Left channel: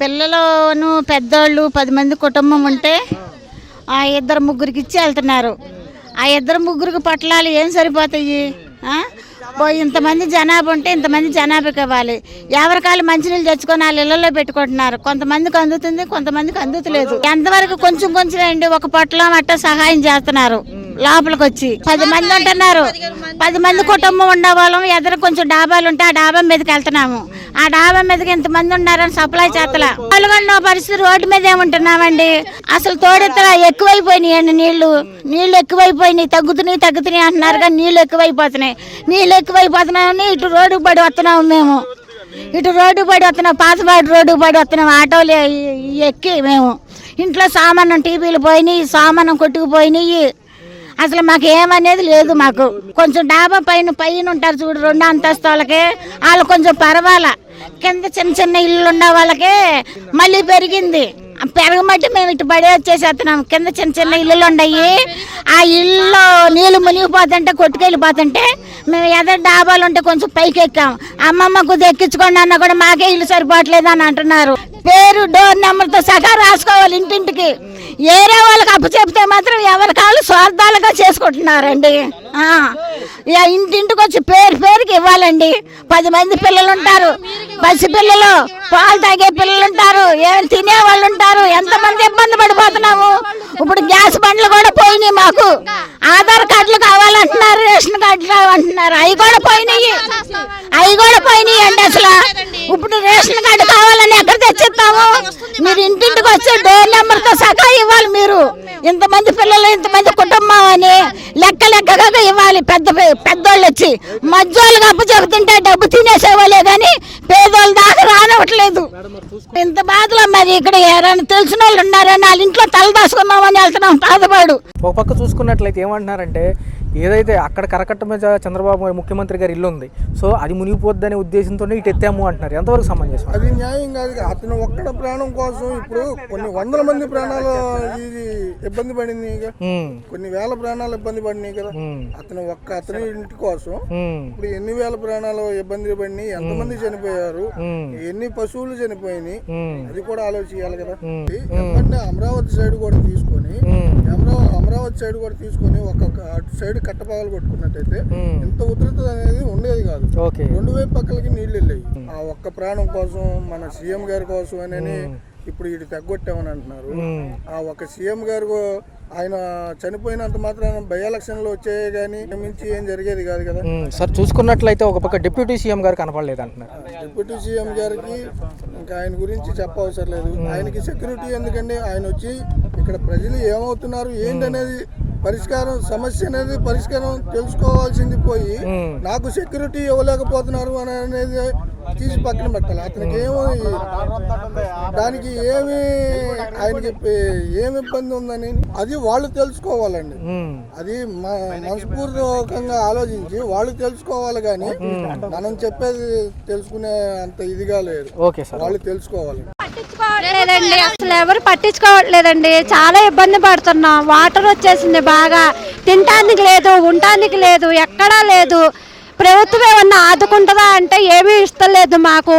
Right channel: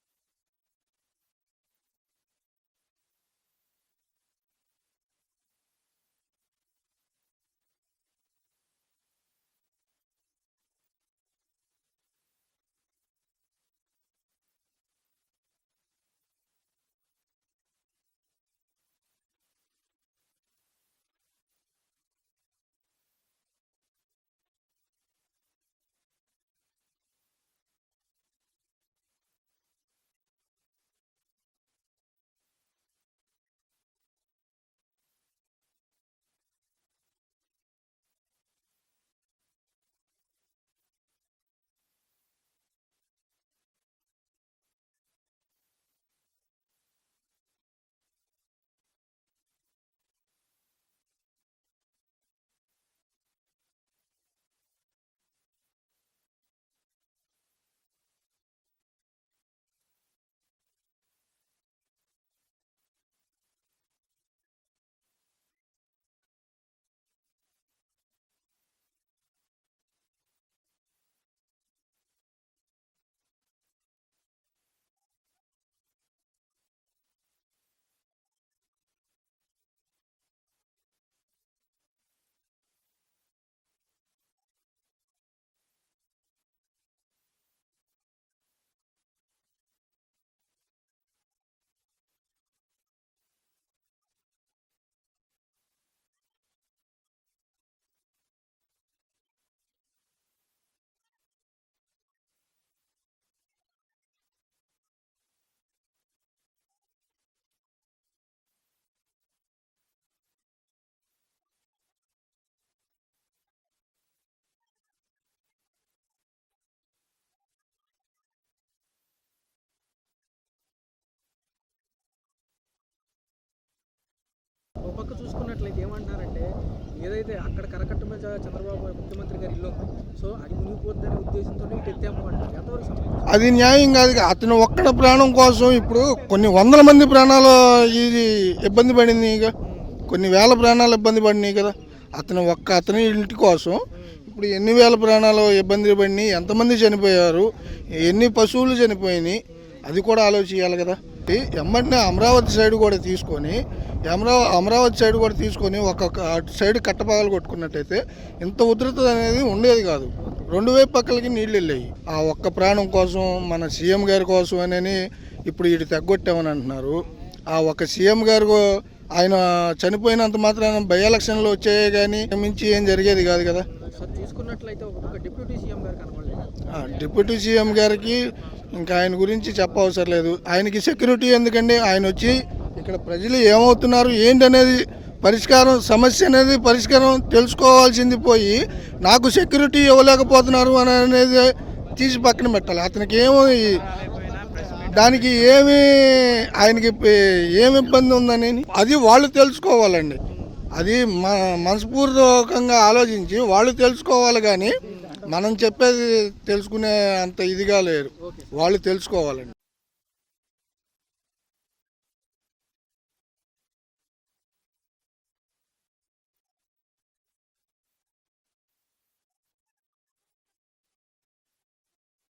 పిల్లలను పెద్దోళ్ళు 10 మంది కుటుంబం ఉంటే ఆ ఇద్దరు ముగ్గురికి ఇచ్చి వెళ్తున్నారు. ఆ ఇద్దరు ముగ్గురికి పట్టలాలు ఏం సరిపోతాయి? ఇంతమంది జనాభా ఉంటే ఇంతమంది జనాభాకి ఇవ్వాలి. ఎవరికాలు మంచినీళ్ళు తెచ్చుకొని వాళ్ళ ఇళ్లలో పెట్టుకుంటున్నారు. కొంతమందికి అందుతుంది, కొంతమందికి అందుతలేదు. ఎంతవరకు కొంచెం కొంచెం అండి ఒక పొట్టలం అట్ట సహాయం చేస్తున్నారు. లోపలికి వచ్చి 10 మంది ఉంటున్నారు. 10 మంది కుటుంబం ఉన్న వాళ్ళం ఎదురు కొంచెం డాబాలు ఉంటే ఆ డాబా మీదకి వెళ్తున్నాము. ఆ డాబా మీదకి ఎంతమంది ఉన్నారని సప్లై చేస్తలా. పాల్గొన్న పరిస్థితి రోడ్డు మీద ఏముంటున్నామండి. అసలు తోడెత్తలా ఎక్కువైపోయినాయండి. నీళ్లు ఎక్కువైపోయినాయి. తగ్గుతున్నాయి అంటున్నారు కానీ నీళ్లు ఎక్కువైపోతున్నాయని ఇటు రోడ్డుకు పడి వస్తున్నాము. మేము ఇటు రోడ్డుకు పడి వస్తున్నాం. పాతపాటి రోడ్డుకు పడి వస్తున్నాం. ఆటోలు ఎక్కి మేము ఇంట్లో సామానం టీవీలు పోయినాయి, సామానం కొట్టుకుపోయినాయి. అసలు మాకు ఏమనేది లేదు. మాకు కొంచెం డాబా పైన ఉంటారు చూడు 2 అంతస్తులకి, వాళ్ళు కొంచెం పర్వాలా. కింద చిన్న ఇల్లు ఉన్న వాళ్ళకి మళ్ళీ పెరిగింది. పెరగమట్టి మేము ఇటు బడి వచ్చేసేస్తున్నాం. కింద చిన్న ఇల్లులు ఉన్నాయి. ఆ ఇల్లు నీళ్ళు మునిగిపోతుంటే కొట్టుకెళ్ళిపోతుంటే మేము ఎదురు డాబాలు ఉంటే కొంచెం పైకి ఎక్కాం. అమ్మమ్మ కొద్దిగా ఎక్కించుకోండి అన్న కూడా మాకే ఇల్లు సరిపోవట్లేదు అని అంటున్నారు. పేరు డోర్ నెంబర్తో సహా రాసుకోవాలి ఇంటింటికి. ఏరే వాళ్ళకి అప్పు చెప్తే మాత్రం ఎవరి కాళ్ళు స్వార్థాలుగా చేసుకుంటున్నారండి. ఇంటింటికి వచ్చి పేరుకి ఇవ్వాలండి. 10 మంది పిల్లలు ఉంటారు. పసి పిల్లలు, పాలు తాగే పిల్లలు ఉంటారు, ఏమైనా తినే వాళ్ళు ఉంటారు. ఎంతమంది ఇబ్బంది పడిపోతున్నాము. ఇప్పుడు గ్యాస్ బండ్లు కూడా పోయినాయి. మాకు ఆధార్ కార్డులు కావాలంటున్నారు, రేషన్ కార్డులు కావాలంటున్నారు. అవి కూడా పోయినాయి అండి. అసలు ఇప్పుడు రేషన్ కార్డు కావాలని ఎక్కడ తెచ్చిస్తాము? మీరు ఇంటింటికి వచ్చి డోర్ నెంబర్తో సహా ఇవ్వాలి. మీరు ఇంతమంది పిల్లలు, ఇంతమంది కుటుంబం అని లెక్కగా ఇవ్వాలి. పెద్దోళ్ళు వచ్చి మధ్యోళ్ళకి అప్పు చెబుతుంటే డబ్బు తినేసేవాళ్ళే కానీ పేదోళ్ళ దాకా రానివ్వట్లేదు. ఇంత బాధలో మరి ఇక్కడ ఎవరైనా తెలిసిన వాళ్ళు ఉన్నారని వాళ్ళ ఇంట్లో తల దాచుకున్నామని వెళ్తున్నాం బాధపడు. ఒక పక్క చూసుకున్నట్లయితే ఏమంటున్నారంటే ఏదైతే అక్కడ కరకట్ట మీద చంద్రబాబు ముఖ్యమంత్రి గారి ఇల్లు ఉంది, సో అది మునిగిపోద్దనే ఉద్దేశంతో ఇటు ఎత్తాము అంటున్నారు. ఎంతవరకు సమంజసం? అది న్యాయం కాదు. అతను ఒక్కడ ప్రాణం కోసం ఇప్పుడు కొన్ని 100 మంది ప్రాణాలు ఇది ఇబ్బంది పడింది. కొన్ని వేల ప్రాణాలు ఇబ్బంది పడినాయి కదా. అతని ఇంటి కోసం ఇప్పుడు ఎన్ని వేల ప్రాణాలు ఇబ్బంది పడినాయి, ఎంతమంది చనిపోయారు, ఎన్ని పశువులు చనిపోయినాయి, అది కూడా ఆలోచించాలి కదా. ఎమ్మటినే అమరావతి సైడ్ కూడా తీసుకొని ఒక్కొక్క అటు సైడ్ కట్టపగలు కొట్టుకున్నట్టయితే ఇంత ఉధృత అనేది ఉండేది కాదు. 2 వైపు పక్కలకి నీళ్లు వెళ్ళాయి. ఆ ఒక్క ప్రాణం కోసం మన సీఎం గారి కోసం అని ఇప్పుడు ఇటు తగ్గొట్టామని అంటున్నారు. ఆ ఒక్క సీఎం గారు ఆయన చనిపోయినంత మాత్రాన బై ఎలక్షన్లు వచ్చాయి కానీ మించి ఏం జరిగేది కాదు కదా. సార్ చూసుకున్నట్లయితే ఒక పక్క డిప్యూటీ సీఎం గారు కనపడలేదు అంటున్నారు. డిప్యూటీ సీఎం గారికి ఇంకా ఆయన గురించి చెప్పవసరం లేదు. ఆయనకి సెక్యూరిటీ ఎందుకండి? ఆయన వచ్చి ఇక్కడ ప్రజలు ఏమవుతున్నారు ఏంటనేది సమస్య అనేది పరిష్కారం తెలుసుకోవాల్సింది పోయి నాకు సెక్యూరిటీ ఇవ్వలేకపోతున్నారు అనేది తీసి పక్కన పెట్టాలి. అతనికి దానికి ఆయనకి ఏమి ఇబ్బంది ఉందని అది వాళ్ళు తెలుసుకోవాలండి. అది మనస్ఫూర్తికంగా ఆలోచించి వాళ్ళు తెలుసుకోవాలి కానీ మనం చెప్పేది తెలుసుకునే అంత ఇదిగా లేదు. వాళ్ళు తెలుసుకోవాలండి. లేదండి, అసలు ఎవరు పట్టించుకోవట్లేదండి. చాలా ఇబ్బంది పడుతున్నాం. వాటర్ వచ్చేసింది, బాగా తినటానికి లేదు, ఉండటానికి లేదు, ఎక్కడా లేదు. ప్రభుత్వం ఏమన్నా ఆదుకుంటుందా అంటే ఏమీ ఇస్తలేదు మాకు.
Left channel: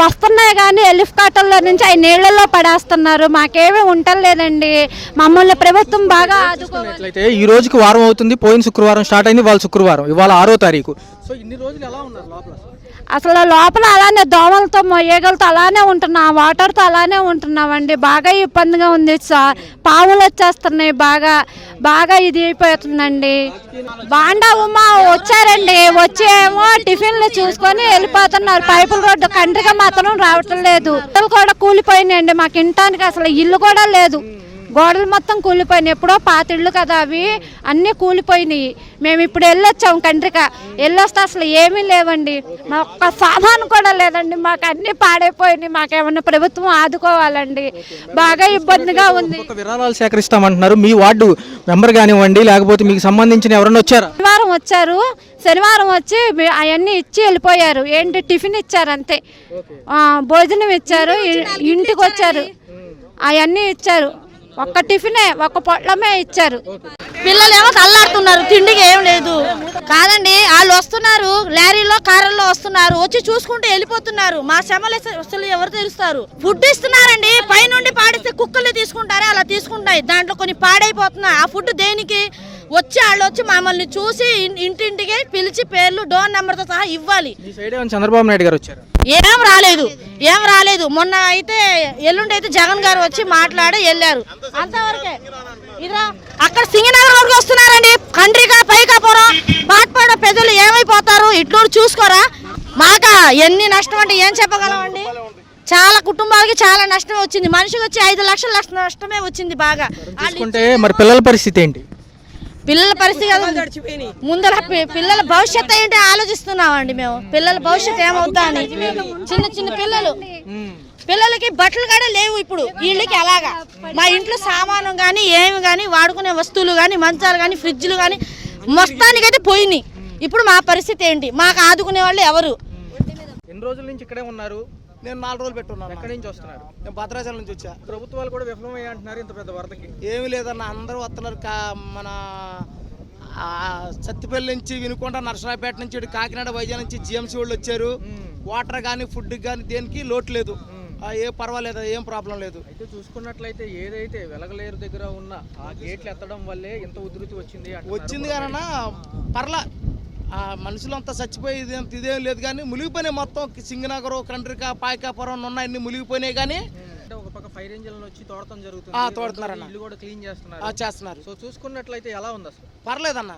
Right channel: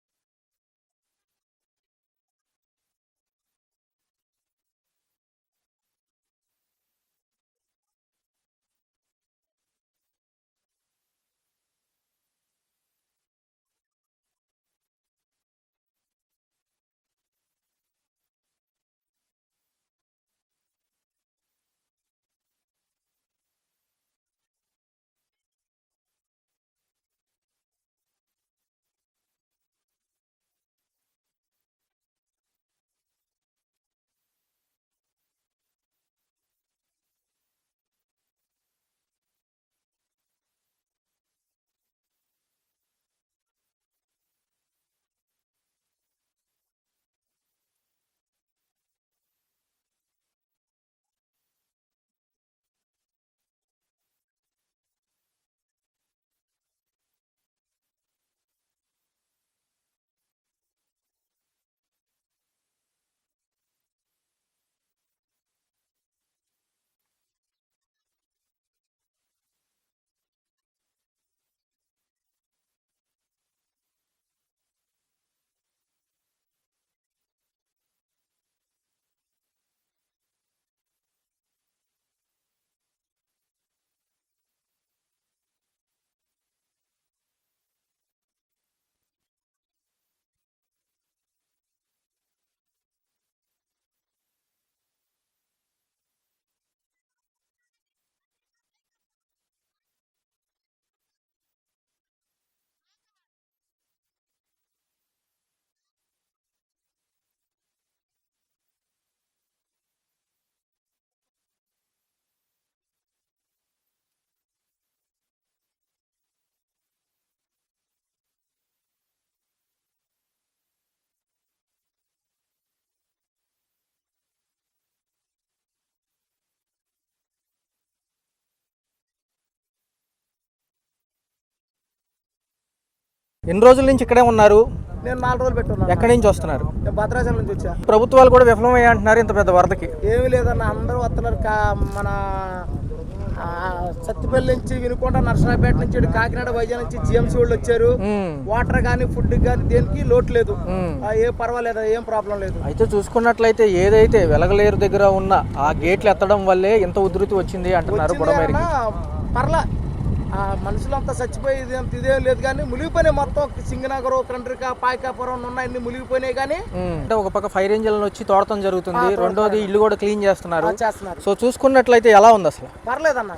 వస్తున్నాయి కానీ హెలికాప్టర్ల నుంచి ఆ నీళ్లలో పడేస్తున్నారు. మాకేమీ ఉండలేదండి. మమ్మల్ని ప్రభుత్వం బాగా ఆదుకోవాలి. ఈ రోజుకి వారం అవుతుంది. పోయిన శుక్రవారం స్టార్ట్ అయింది, వాళ్ళ శుక్రవారం, ఇవాళ 6వ తారీఖు. సో ఇన్ని రోజులు ఎలా ఉన్నారు లోపల? అసలు లోపల అలానే దోమలతో మొయ్యగలతో అలానే ఉంటున్నాం, వాటర్తో అలానే ఉంటున్నామండి. బాగా ఇబ్బందిగా ఉంది సార్. పాములు వచ్చేస్తున్నాయి. బాగా ఇది అయిపోతుందండి. బాండా ఉమా వచ్చారండి. వచ్చి ఏమో టిఫిన్లు చూసుకొని వెళ్ళిపోతున్నారు. పైపుల రోడ్డు కండ్రిగా మాత్రం రావటం లేదు. కూడా కూలిపోయినాయండి. మాకు ఇంటానికి అసలు ఇల్లు కూడా లేదు. గోడలు మొత్తం కూలిపోయినాయి. ఎప్పుడో పాత ఇళ్ళు కదా అవి, అన్నీ కూలిపోయినాయి. మేము ఇప్పుడు వెళ్ళొచ్చాం కండ్రిక. వెళ్ళొస్తే అసలు ఏమీ లేవండి. మా ఒక్క సామాను కూడా లేదండి. మాకు అన్నీ పాడైపోయినాయి. మాకేమన్నా ప్రభుత్వం ఆదుకోవాలండి. బాగా ఇబ్బందిగా ఉంది. విరాళాలు సేకరిస్తామంటున్నారు. మీ వార్డు మెంబర్ కానివ్వండి, లేకపోతే మీకు సంబంధించిన ఎవరన్నా వచ్చారా? శనివారం వచ్చి అవన్నీ ఇచ్చి వెళ్ళిపోయారు. ఏంటి టిఫిన్ ఇచ్చారు అంతే, భోజనం ఇచ్చారు, ఇంటికి వచ్చారు, అవన్నీ ఇచ్చారు. ఒక్క టిఫినే, ఒక్క పొట్లమే ఇచ్చారు. పిల్లలేమో తల్లాడుతున్నారు, తిండికి ఏం లేదు. కాదండి, వాళ్ళు వస్తున్నారు లారీలో కారుల్లో వస్తున్నారు, వచ్చి చూసుకుంటూ వెళ్ళిపోతున్నారు. మా శ్రమలు అసలు ఎవరు తెలుస్తారు? ఫుడ్ ఇస్తున్నారండి, పైనుండి పాడిస్తే కుక్కలు తీసుకుంటారే అలా తీసుకుంటాయి. దాంట్లో కొన్ని పాడైపోతున్నాయి. ఆ ఫుడ్ దేనికి? వాళ్ళు వచ్చి మమ్మల్ని చూసి ఇంటింటికి పిలిచి పేర్లు డోర్ నెంబర్తో సహా ఇవ్వాలి. చంద్రబాబు నాయుడు గారు వచ్చారు? ఏం రాలేదు. మొన్న అయితే ఎల్లుండి అయితే జగన్ గారు వచ్చి మాట్లాడి వెళ్ళారు, అంతవరకే. ఇదిరా అక్కడ సింగనగర్ వరకు వస్తున్నారండి, కండ్రిక పైకాపురం పాట్పాడ పెద్దలు ఏమైపోతారు? ఇట్లూరు చూసుకోరా. మాక ఎన్ని నష్టం అంటే ఏం చెప్పగలమండి. చాలా కుటుంబాలకి చాలా నష్టమే వచ్చింది. మనిషికి వచ్చి 5 లక్షల నష్టమే వచ్చింది. బాగా మరి పిల్లల పరిస్థితి ఏంటి? పిల్లల పరిస్థితి ముందర పిల్లల భవిష్యత్తు ఏంటి ఆలోచిస్తున్నామండి మేము. పిల్లల భవిష్యత్తు ఏమవుతా అని. చిన్న చిన్న పిల్లలకి బట్టలు కూడా లేవు ఇప్పుడు వీళ్ళకి. అలాగా మా ఇంట్లో సామాను కానీ ఏమి కానీ వాడుకునే వస్తువులు కానీ మంచాలు కానీ ఫ్రిడ్జ్లు కానీ మొత్తానికైతే పోయినాయి. ఇప్పుడు మా పరిస్థితి ఏంటి? మాకు ఆదుకునే వాళ్ళు ఎవరు? ఎన్ని రోజుల నుంచి ఇక్కడే ఉన్నారు? నేను 4 రోజులు పెట్టున్నాను. ఎక్కడి నుంచి వస్తున్నారు? నేను భద్రాచలం నుంచి వచ్చా. ప్రభుత్వాలు కూడా విఫలమయ్యా అంటున్నారు ఇంత పెద్ద వరదకి. ఏమి లేదన్న, అందరూ వస్తున్నారు. మన సత్తిపల్లి నుంచి వినుకొండ, నర్సరాపేట నుంచి కాకినాడ, వైజాగ్ నుంచి జిఎంసీ వాళ్ళు వచ్చారు. వాటర్ కానీ ఫుడ్ కానీ దేనికి లోటు లేదు. ఏ పర్వాలేదు, ఏం ప్రాబ్లం లేదు. అయితే చూసుకున్నట్లయితే ఏదైతే వెలగలేరు దగ్గర ఉన్న ఆ గేట్లు ఎత్తడం వల్లే ఇంత ఉధృతి వచ్చింది అంటున్నారు. పర్లా మనుషులంతా చచ్చిపోయేది అంత ఇదే లేదు కానీ మునిగిపోయినాయి మొత్తం. సింగనగర్, కండ్రిక, పాయకాపురం ఉన్నాయన్ని మునిగిపోయినాయి. కానీ అంటే ఒక పక్క ఫైర్ ఇంజిన్ వచ్చి తోడటం జరుగుతుంది, రెండోది ఇల్లు కూడా క్లీన్ చేస్తున్నారు. సో చూసుకున్నట్లయితే ఎలా ఉంది అసలు? పర్లేదన్న,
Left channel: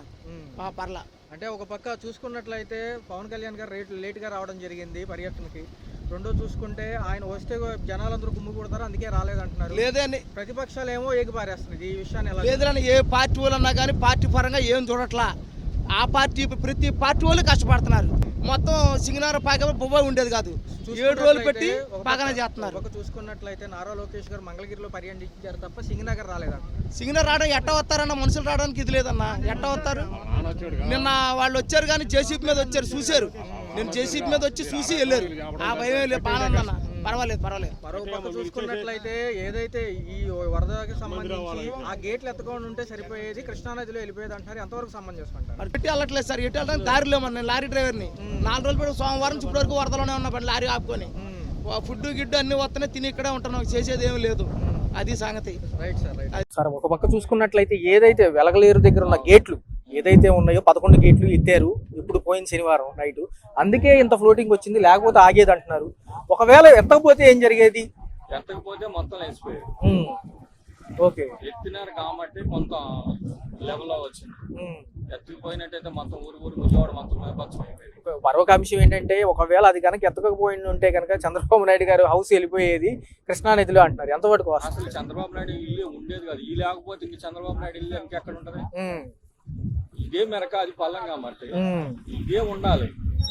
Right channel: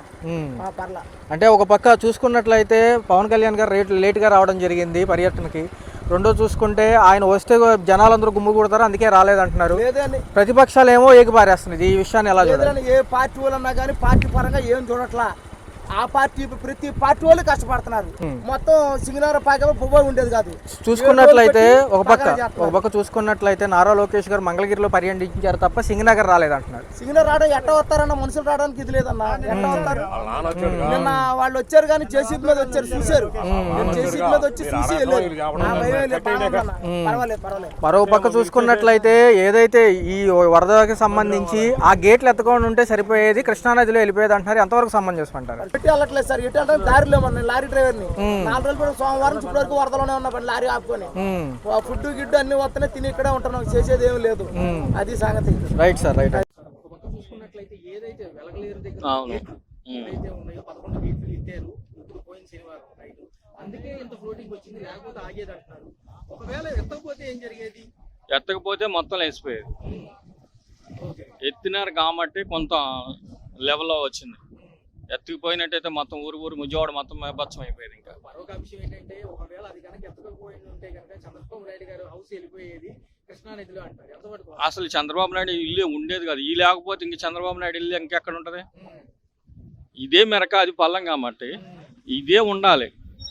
పర్లా. అంటే ఒక పక్క చూసుకున్నట్లయితే పవన్ కళ్యాణ్ గారు లేట్గా రావడం జరిగింది పర్యటనకి. రెండో చూసుకుంటే ఆయన వస్తే జనాలందరూ గుమ్ము కొడతారు, అందుకే రాలేదంటున్నారు. ప్రతిపక్షాలు ఏమో ఏకిపారేస్తున్నది ఈ విషయాన్ని. ఎలా ఏ పార్టీ వాళ్ళన్నా కానీ పార్టీ పరంగా ఏం చూడట్లా. ఆ పార్టీ ప్రతి పార్టీ వాళ్ళు కష్టపడుతున్నారు. మొత్తం సింగనగర్ పాక బొబ్బాయి ఉండేది కాదు. చూసుకున్నట్లయితే ఒక పక్క చూసుకున్నట్లయితే నారా లోకేష్ గారు మంగళగిరిలో పర్యటించారు తప్ప సింగనగర్ రాలేదంటున్నారు. సింగనగర్ రావడానికి ఎట్ట వస్తారన్న, మనుషులు రావడానికి ఇది లేదన్న. ఎట్ట వస్తారు? నిన్న వాళ్ళు వచ్చారు కానీ జేసీబీ మీద వచ్చారు, చూశారు. జేసీబీ మీద వచ్చి చూసి వెళ్ళారు. పర్వాలేదు. మరో పక్క చూసుకున్నట్లయితే ఏదైతే ఈ వరదకి సంబంధించి ఆ గేట్లు ఎత్తుకొని ఉంటే సరిపోయేది, కృష్ణానదిలో వెళ్ళిపోయేది అంటున్నారు. ఎంతవరకు సంబంధించుకుంటారు? ఎట్టి వెళ్ళట్లేదు సార్, ఎట్టి వెళ్ళడానికి దారి లేమన్నా. లారీ డ్రైవర్ ని 4 రోజులు సోమవారం నుంచి ఇప్పటి వరకు వరదలోనే ఉన్నా, లారీ ఆపుకొని. ఫుడ్ గిడ్డు అన్ని వస్తేనే తిని ఇక్కడే ఉంటున్నాం, చేసేది ఏమి లేదు. అది సంగతి. Right sir. ఒక పక్క చూసుకున్నట్లయితే ఏదైతే వెలగలేరు దగ్గర ఉన్న గేట్లు ఏదైతే ఉన్నాయో 11 గేట్లు ఎత్తారు ఇప్పుడు పోయిన శనివారం నైట్. అందుకే ఇంత ఫ్లోటింగ్ వచ్చింది, లేకపోతే ఆగేది అంటున్నారు. ఒకవేళ ఎత్తకపోతే ఏం జరిగేది? ఎత్తకపోతే మొత్తం లేచిపోయేది. ఓకే, ఎత్తినారు కాబట్టి కొంత లెవెల్లో వచ్చింది. ఎత్తుకుపోయినట్టయితే మొత్తం ఊరు ముజవాడ మొత్తం బచ్చం అయిపోయింది. మరొక అంశం ఏంటంటే ఒకవేళ అది కనుక ఎత్తకపోయి ఉంటే కనుక చంద్రబాబు నాయుడు గారు హౌస్ వెళ్ళిపోయేది కృష్ణానదిలో అంటున్నారు. ఎంతవరకు? అసలు చంద్రబాబు నాయుడు ఇల్లు ఉండేది కాదు. ఈ లేకపోతే ఇంక చంద్రబాబు నాయుడు ఇల్లు ఇంకెక్కడ ఉంటది? ఇదే మెరక, అది పల్లం కాబట్టి ఇదే ఉండాలి.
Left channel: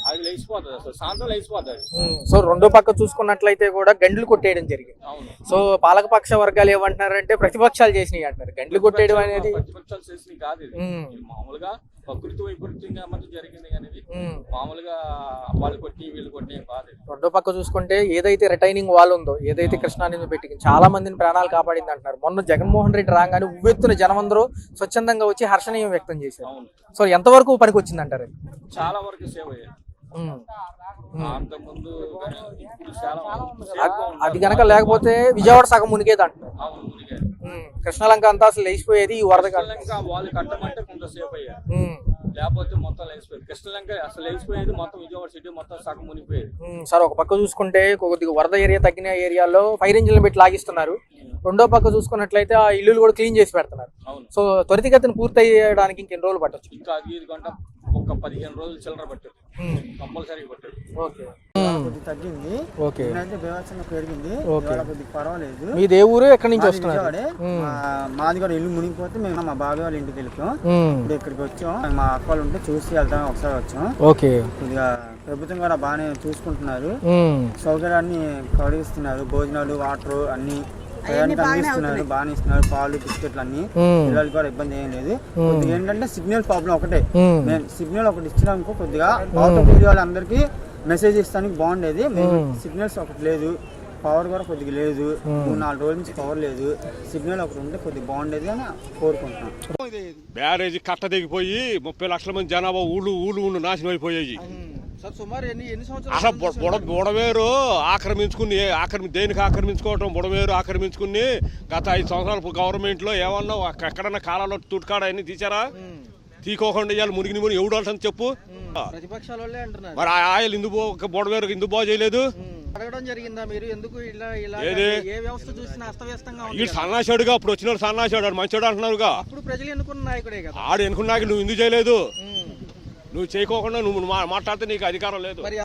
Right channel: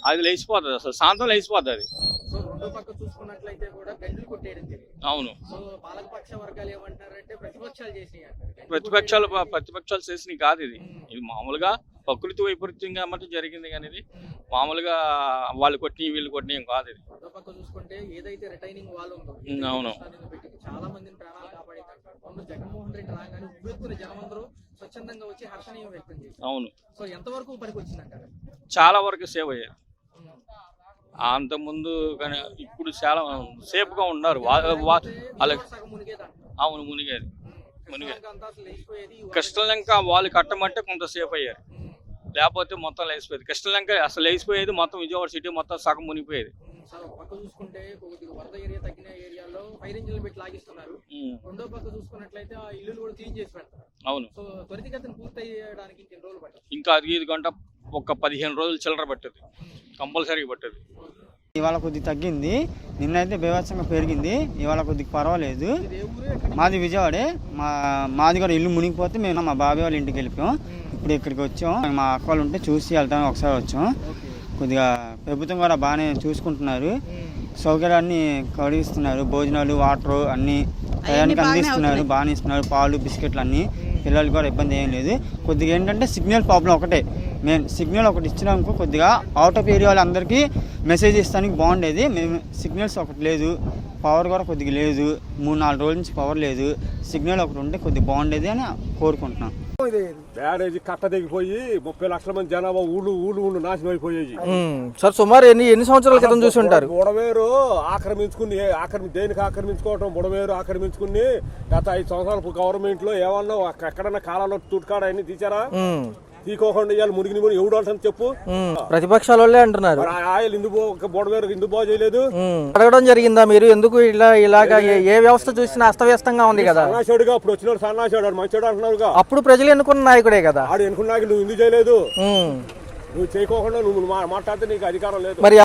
అది లేచిపోతుంది, అసలు శాంతం లేచిపోతుంది అది. సో రెండో పక్క చూసుకున్నట్లయితే కూడా గండ్లు కొట్టేయడం జరిగింది. అవును. సో పాలకపక్ష వర్గాలు ఏమంటున్నారంటే ప్రతిపక్షాలు చేసినాయి అంటారు. గండ్లు కొట్టేయడం ప్రతిపక్షాలు చేసినవి కాదు. ఇది మామూలుగా ప్రకృతి వైపరీత్యంగా అన్నట్టు జరిగింది. కానీ ఇది మామూలుగా వాళ్ళు కొట్టి వీళ్ళు కొట్టి ఏం కాదు. రెండో పక్క చూసుకుంటే ఏదైతే రిటైనింగ్ వాల్ ఉందో, ఏదైతే కృష్ణానదిని పెట్టి చాలా మందిని ప్రాణాలు కాపాడింది అంటున్నారు. మొన్న జగన్మోహన్ రెడ్డి రాగానే ఉవ్వెత్తున జనం అందరూ స్వచ్ఛందంగా వచ్చి హర్షణీయం వ్యక్తం చేశారు. అవును. సో ఎంతవరకు పనికి వచ్చింది అంటారు? చాలా వరకు సేవ్ అయ్యేది. అంత ముందు ఇప్పుడు చాలా సేఫ్ గా ఉండాలి. లేకపోతే విజయవాడ సగం మునిగేది అంటారు. అవును, మునిగేది. కృష్ణలంక అంతా అసలు లేచిపోయేది. కృష్ణలంక వాళ్ళు కట్టమంటే కొంత సేఫ్ అయ్యారు, లేకపోతే మొత్తం లేచిపోయేది. కృష్ణలంక అసలు లేచిపోయేది, మొత్తం విజయవాడ సిటీ మొత్తం సగం మునిగిపోయేది. సార్ ఒక పక్క చూసుకుంటే కొద్దిగా వరద ఏరియా తగ్గిన ఏరియాలో ఫైర్ ఇంజిన్లు పెట్టి లాగిస్తున్నారు. రెండో పక్క చూసుకున్నట్లయితే ఆ ఇల్లు కూడా క్లీన్ చేసి పెడుతున్నారు. అవును. సో త్వరితగతిని పూర్తి అయ్యడానికి ఇంకెన్ని రోజులు పట్టచ్చు? ఇంకా 5 గంట ఒక 15 రోజులు చిల్లర పట్టదు, కంపల్సరీ పట్టదు. ఇవాళ కొద్దిగా తగ్గింది, నిన్నైతే బీభత్సంగా పెరిగింది. ఇవాళ కొద్దిగా పర్వాలేదు. ఇది ఏ ఊరు? ఎక్కడి నుంచి? విజయవాడే. మాది కూడా ఇల్లు మునిగిపోతే మేము మా బాబాయ్ వాళ్ళ ఇంటికి వెళ్ళిపోయాం. ఇప్పుడు ఇక్కడికి వచ్చాం. మా అక్క వాళ్ళు ఉంటే చూసి వెళ్తాం, ఒకసారి వచ్చాం. కొద్దిగా ప్రభుత్వం కూడా బాగానే చూసుకుంటున్నారు, సౌకర్యాన్ని కలిగిస్తున్నారు. భోజనాలు, వాటర్ అన్ని టయానికి అందిస్తున్నారు, బాగానే ఇస్తున్నారు. పాలు, బిస్కెట్లు అన్ని. పిల్లలకి కూడా ఇబ్బంది ఏం లేదు. కొద్దిగా ఏంటంటే సిగ్నల్ ప్రాబ్లం ఒకటే. మేము సిగ్నల్ ఒకటి ఇచ్చినామనుకో కొద్దిగా అవుట్ ఆఫ్ ఏరియా వాళ్ళందరికీ మెసేజ్ ఇస్తానికి బాగుండేది. మేము సిగ్నల్స్ ఒకటి లేదు, పవర్ కూడా కొద్దిగా లేదు, 3-4 రోజుల నుంచి పవర్ లేదు. సిగ్నల్ ఒకటి ఉంటే కొద్దిగా బాగుండేది అని కోరుకుంటున్నాం. బ్యారేజీ కట్ట దిగిపోయి 30 లక్షల మంది జనాభా ఊళ్ళు నాశనం అయిపోయాయి. సార్ సుమారు ఎన్ని సంవత్సరాల క్రితం చూసి ఉంటారు? బుడమేరు దేనికి ఆక్రమించుకోవటం, బుడమేరు ఆక్రమించుకుని గత 5 సంవత్సరాల గవర్నమెంట్ లో ఏమన్నా ఎక్కడన్నా కాలంలో తుట్కాడ అన్ని తీసారా? తీకోకుండా ఇవాళ మునిగిని ఎవడు అంటాను చెప్పు. ప్రతిపక్షాల వాళ్ళే అంటున్నారు. ఆయిల్ ఎందుకు బుడమేరు ఎందుకు బాగు చేయలేదు? అడగడం జరిగిందా మీరు? ఎందుకు ఇలాగా ఏ వ్యవస్థ చూసినా అస్తవ్యస్తంగా ఉంది కదా? సన్నాసాడుగా అప్పుడు వచ్చిన సన్నాసాడు మంచోడు అంటున్నారుగా. అప్పుడు ప్రజలు ఎన్నుకున్న నాయకుడే కదా. ఆడు ఎన్నుకున్నాక నువ్వు ఎందుకు చేయలేదు? నువ్వు చేయకోకుండా నువ్వు మాట్లాడితే నీకు అధికారం లేదు. మరి